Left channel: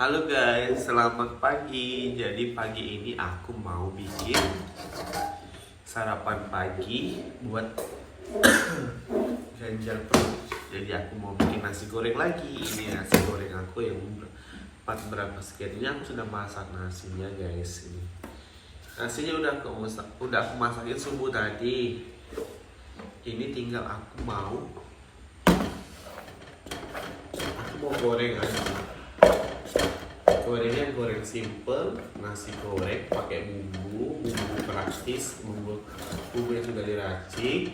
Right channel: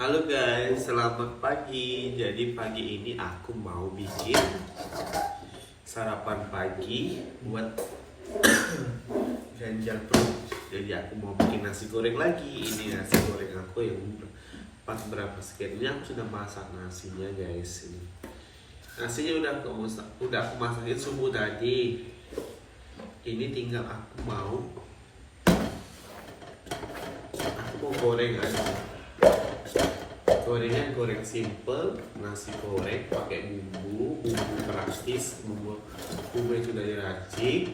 Halo guys, selamat pagi. Jadi pagi ini aku mau bikin sarapan pagi buat ganjal perut. Jadi aku mau bikin nasi goreng lagi. Ini nasi goreng aku yang berapa sekian. Ini aku sudah masak nasinya guys. Ini nasinya udah aku masakin subuh tadi. Ini tinggal aku mau goreng aja. Gorengnya goreng simple, nasi goreng pakai bumbu praktis, bumbu yang sudah diracik.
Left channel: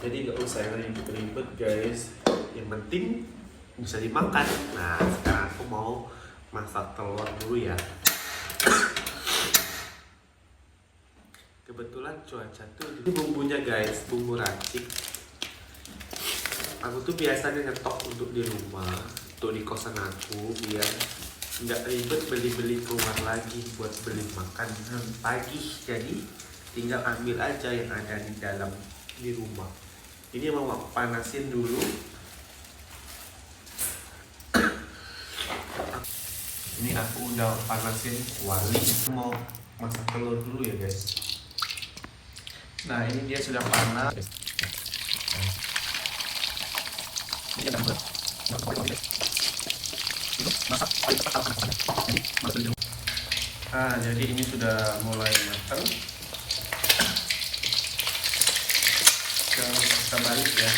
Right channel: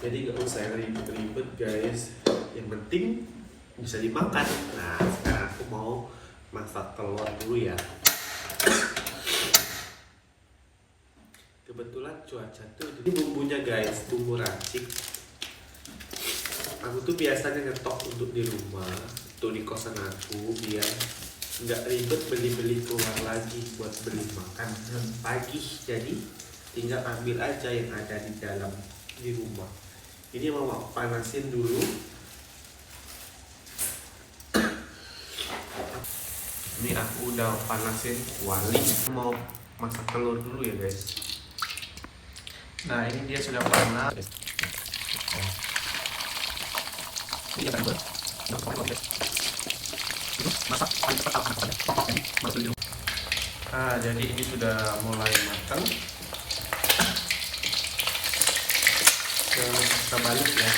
Jadi nggak usah ribet-ribet guys. Yang penting bisa dimakan. Nah sekarang aku mau masak telur dulu ya. Kebetulan cuaca tuh ini bumbunya guys, bumbu racik. Aku tuh biasanya ngetok untuk di rumah, untuk di kosan aku, biar nggak ribet beli-beli keluar lagi buat beli makan pagi. Jadi tinggal ambil aja yang ada di dalam di rumah. Ini mau aku panasin dulu. Ini aku udah panasin kuali. Mau masak telur dulu ya guys. Nah ini dia sudah panas. Nah jadi ini sudah mulai matang. Kita balik ya,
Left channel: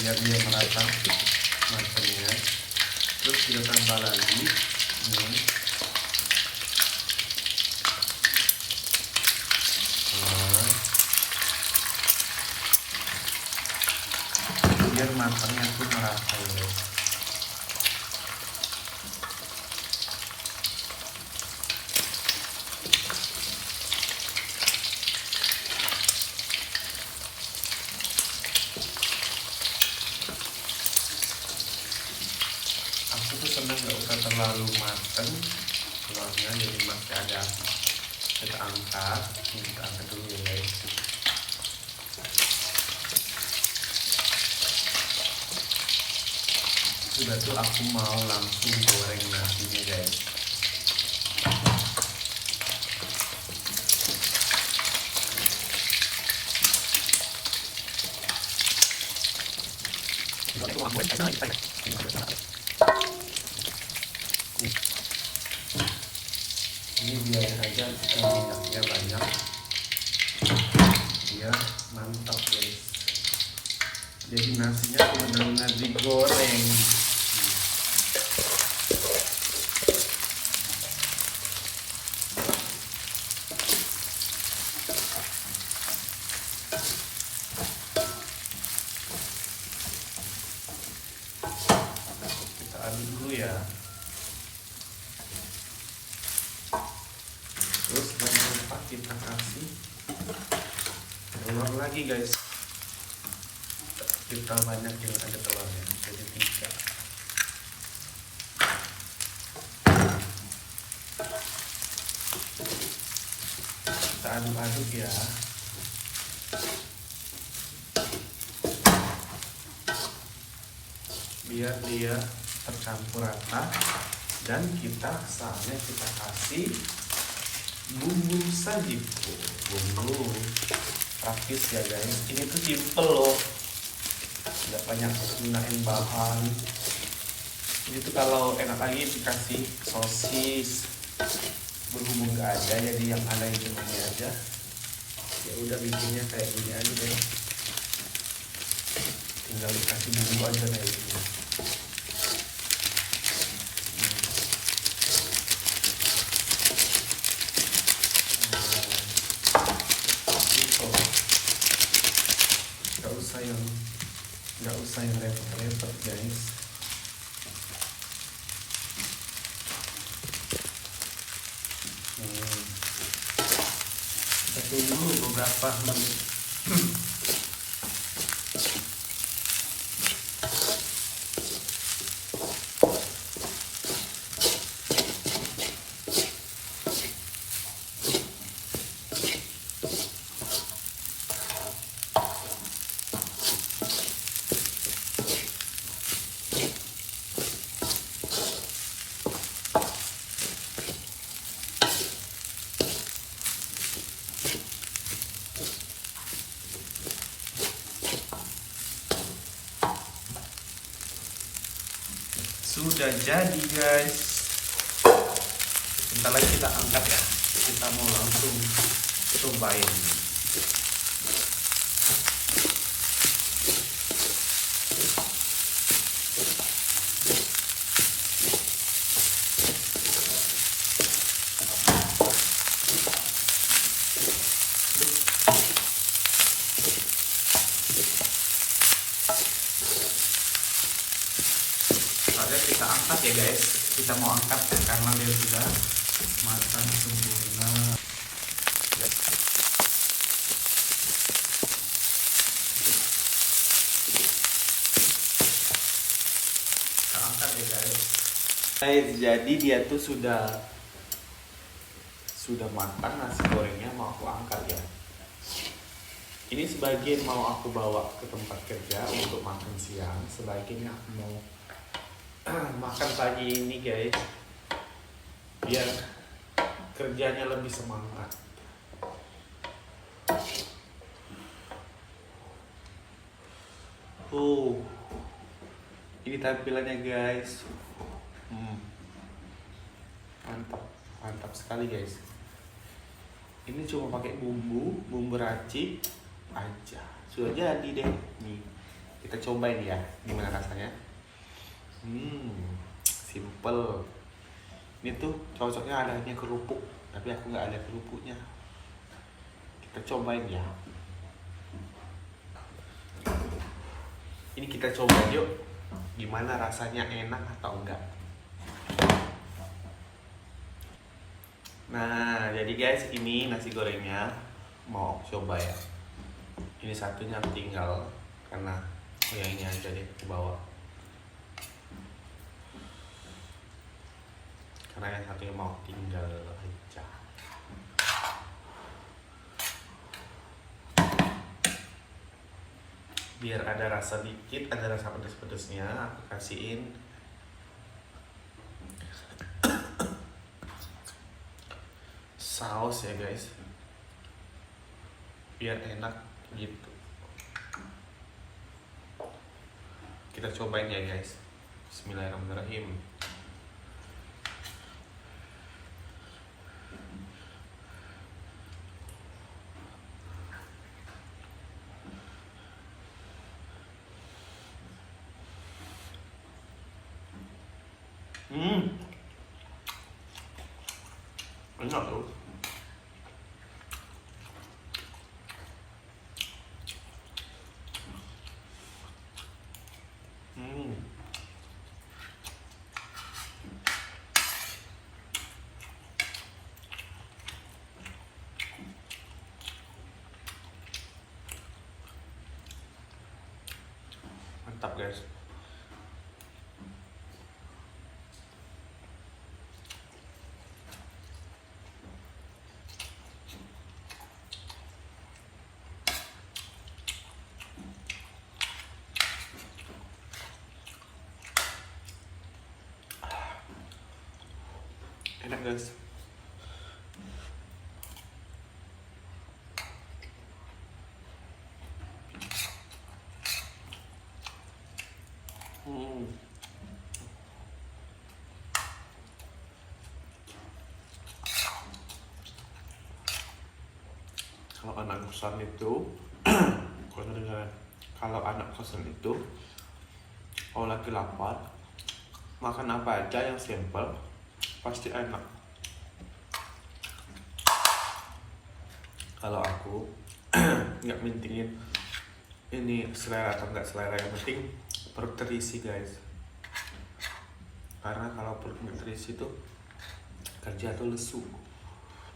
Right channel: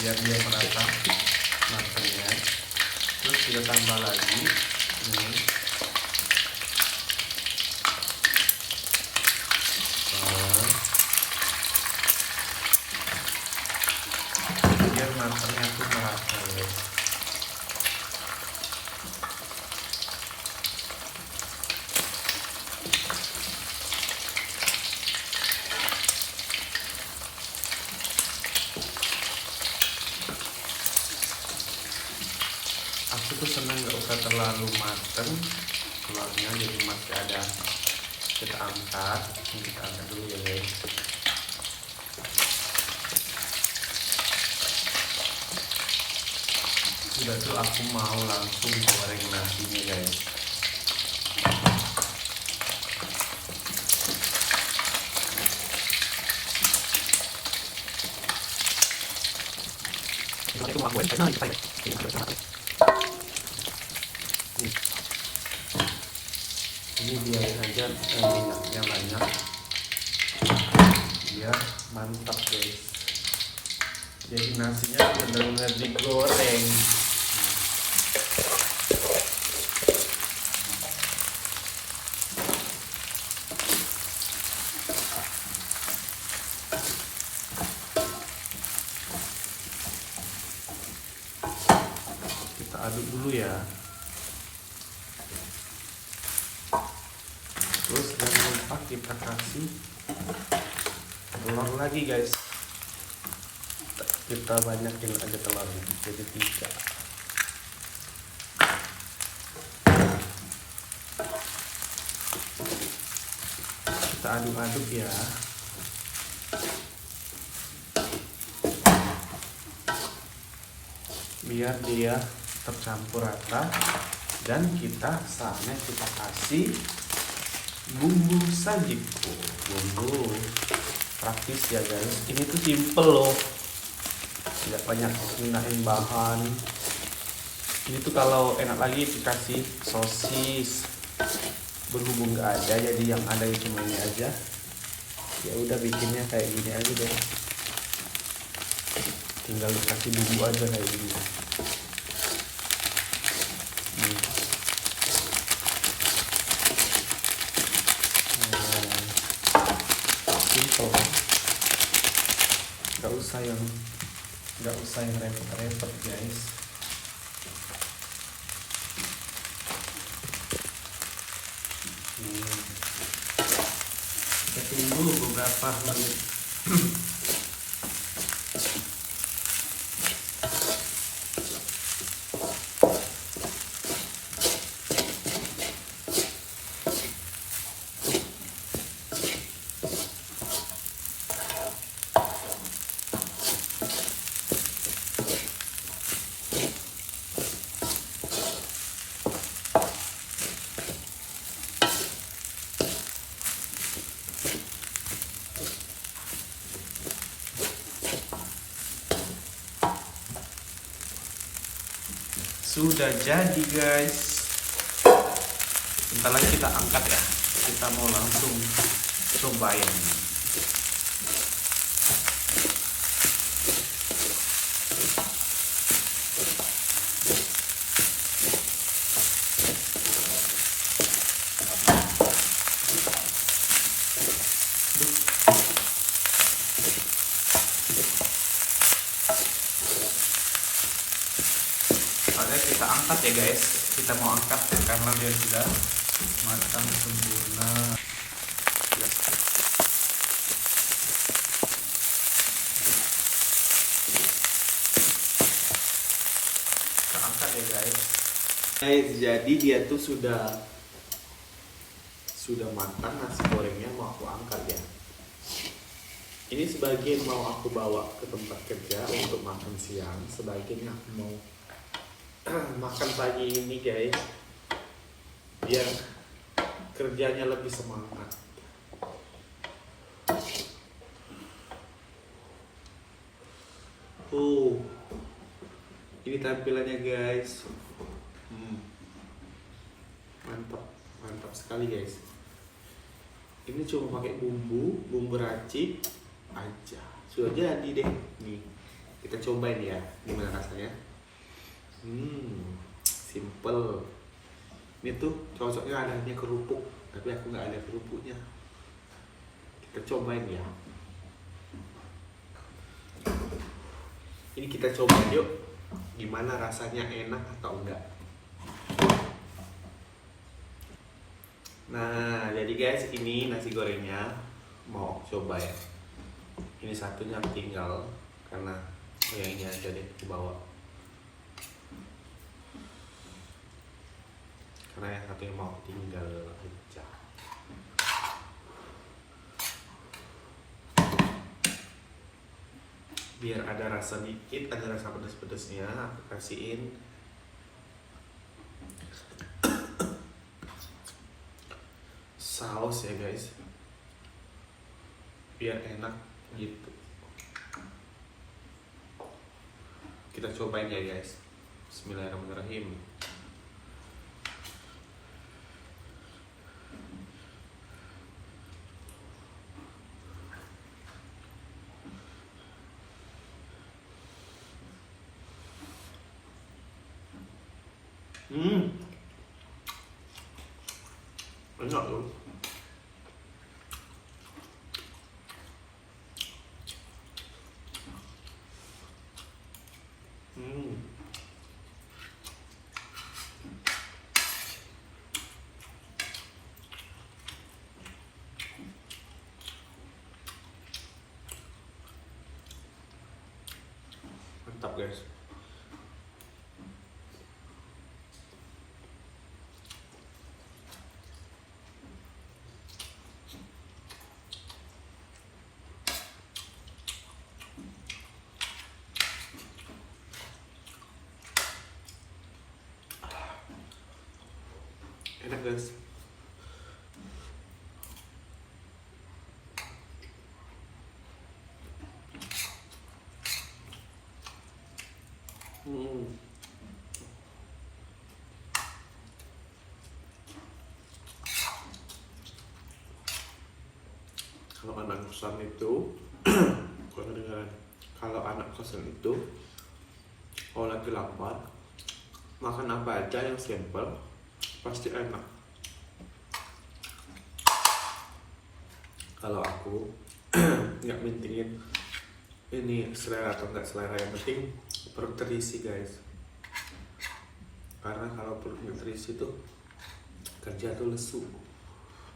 biar dia merata matangnya. Terus kita tambah lagi nih. Biar matangnya tuh merata guys. Aku tuh senang gak usah terlalu matang telurnya, jadi masih ada. Kita angkat dulu ya guys. Sudah tuh aku mau langsung goreng nasinya guys. Ini biarin aja minyaknya banyak biar mantap guys. Jadi nasinya benar-benar digoreng. Kita aduk dulu ya. Terus jangan lupa kita kasih telur lagi guys. Kita banyakin aja telurnya, jadi 3. Kita aduk-aduk ya. Biar dia tercampur rata. Dan saatnya kita kasih bumbu sajiku. Bumbu praktis ya guys. Ini tuh simple loh, tidak banyak gunain bahan. Ini tuh kalau enak lagi dikasih sosis, bumbu nggak ada, jadi yang ada itu ini aja. Ya udah bikinnya kayak gini aja deh. Tinggal dikasih bumbu aja kayak gini. Nggak usah yang repot-repot guys. Kita tunggu beberapa menit. sudah jadi guys. Bentar lagi kita angkat ya. Kita mau langsung cobain. Kita angkat ya guys, kita mau angkat karena dia sudah matang sempurna. Kita angkat ya guys. Jadi dia tuh sudah matang nasi gorengnya, mau aku angkat ya. Ini sebagian mau aku bawa ke tempat kerja untuk makan siang, sebagiannya aku mau makan pagi ini guys, biar kerjanya lebih semangat. Ini tampilannya guys. Mantap sekali guys. Ini cuma pakai bumbu racik aja, sudah jadi deh. Nih kita cobain ya, gimana rasanya. Simple. Ini tuh cocoknya adanya kerupuk, tapi aku nggak ada kerupuknya. Kita cobain ya. Ini kita coba yuk, gimana rasanya, enak atau enggak. Nah, jadi guys, ini nasi gorengnya mau aku coba ya. Ini satunya tinggal karena yang ini aja deh aku bawa. Karena yang satunya mau tinggal aja. Biar ada rasa dikit, ada rasa pedas-pedasnya, aku kasihin saus ya guys, biar enak gitu. Kita cobain ya guys. Bismillahirrahmanirrahim. Enak loh. Mantap guys. Enak guys. Kalau anak kosan itu kalau anak kosan itu kalau lagi lapar, makan apa aja yang simple pasti enak. Kalau aku nggak mentingin ini selera atau nggak selera, yang penting perut terisi guys. Karena kalau perut nggak terisi tuh kerja tuh lesu,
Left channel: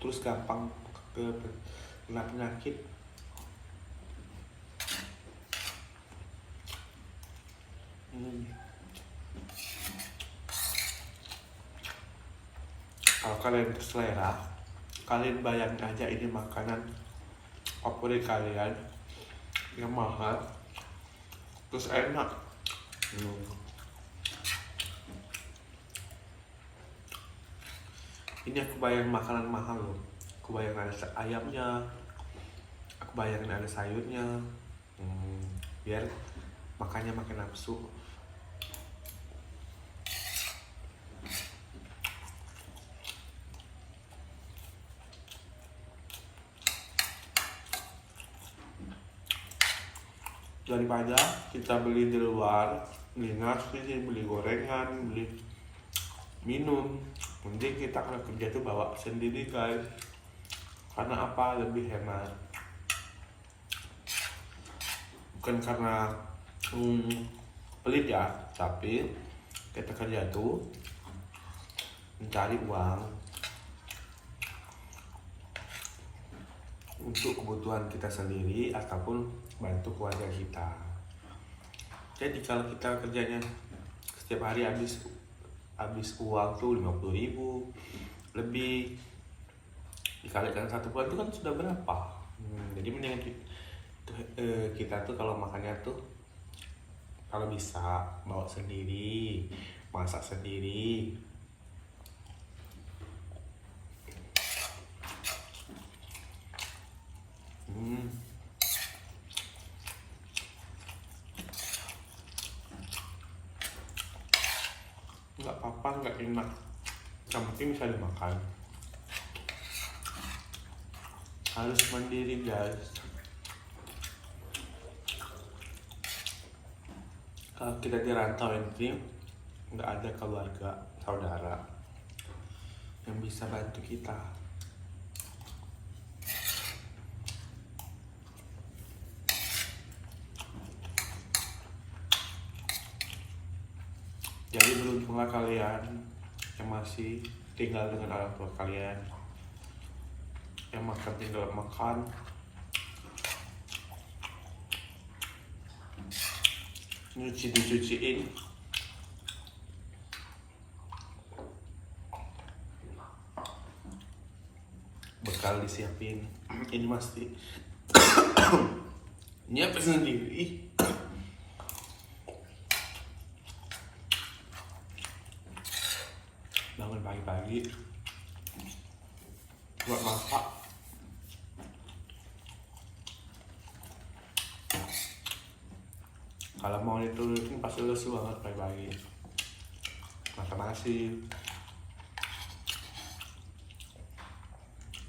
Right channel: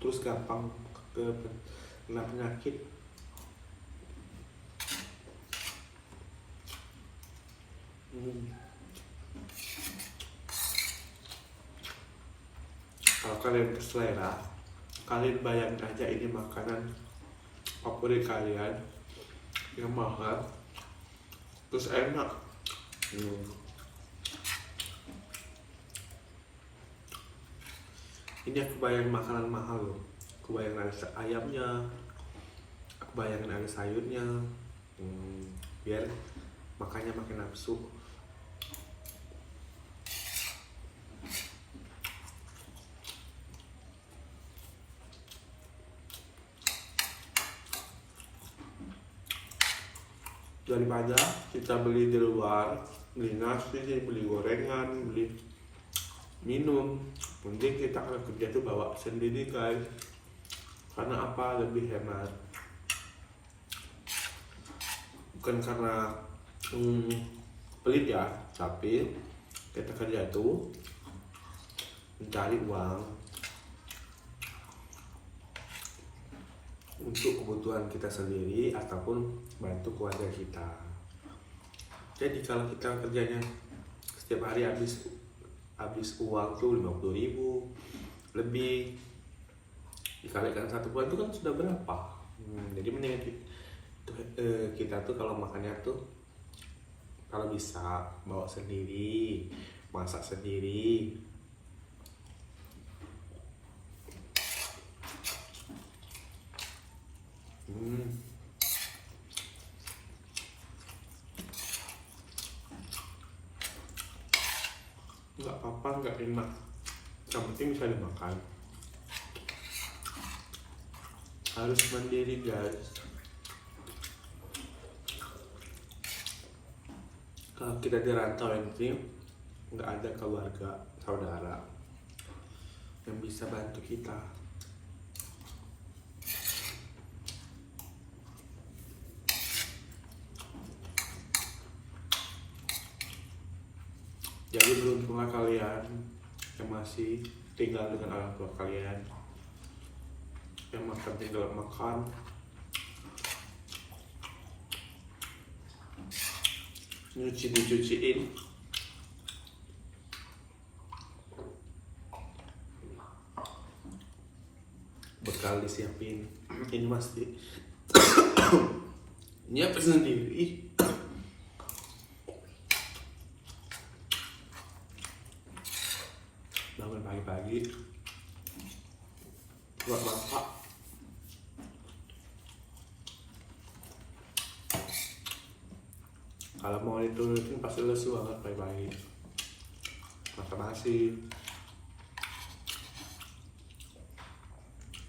terus gampang kena penyakit. Kalau kalian berselera, kalian bayangin aja ini makanan favorit kalian yang mahal terus enak. Ini aku bayangin makanan mahal loh. Aku bayangin ada ayamnya, aku bayangin ada sayurnya, biar makannya makin nafsu. daripada kita beli di luar, beli nasi, beli gorengan, beli minum. Mending kita kalau kerja tuh bawa sendiri guys. Karena apa? Lebih hemat. Bukan karena pelit ya, tapi kita kerja tuh mencari uang untuk kebutuhan kita sendiri ataupun bantu keluarga kita. Jadi kalau kita kerjanya setiap hari habis uang tuh 50.000 lebih, dikalikan 1 bulan itu kan sudah berapa? Jadi mendingan kita tuh kalau makannya tuh kalau bisa bawa sendiri, masak sendiri. Nggak apa-apa, nggak enak, yang penting bisa dimakan. Harus mandiri guys. Kalau kita di rantau ini nggak ada keluarga saudara yang bisa bantu kita. Jadi beruntunglah kalian yang masih tinggal dengan orang tua kalian, yang makan tinggal makan, nyuci dicuciin, bekal disiapin. Ini masih nyiapin sendiri. Bangun pagi-pagi buat masak. Kalau mau diturutin pasti lesu banget pagi-pagi. Masak nasi,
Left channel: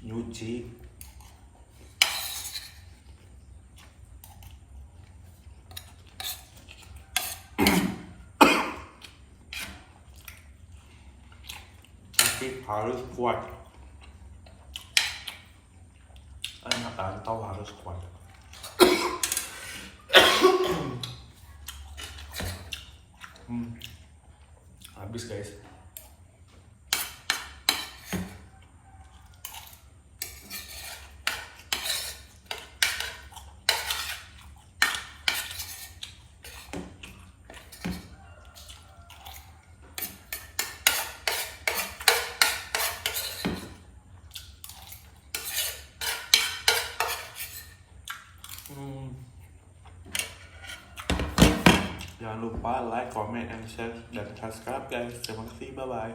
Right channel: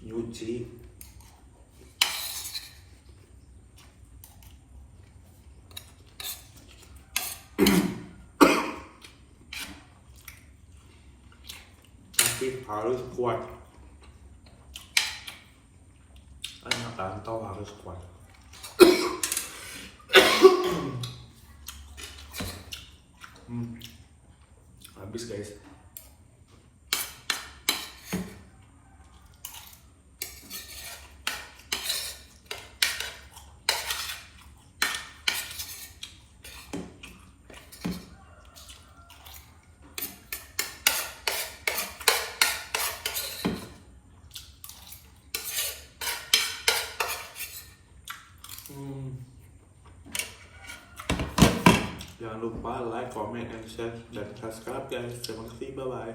nyuci, tapi harus kuat. Anak rantau harus kuat. Habis guys. Jangan lupa like, comment, and share, dan subscribe guys. Terima kasih, bye bye.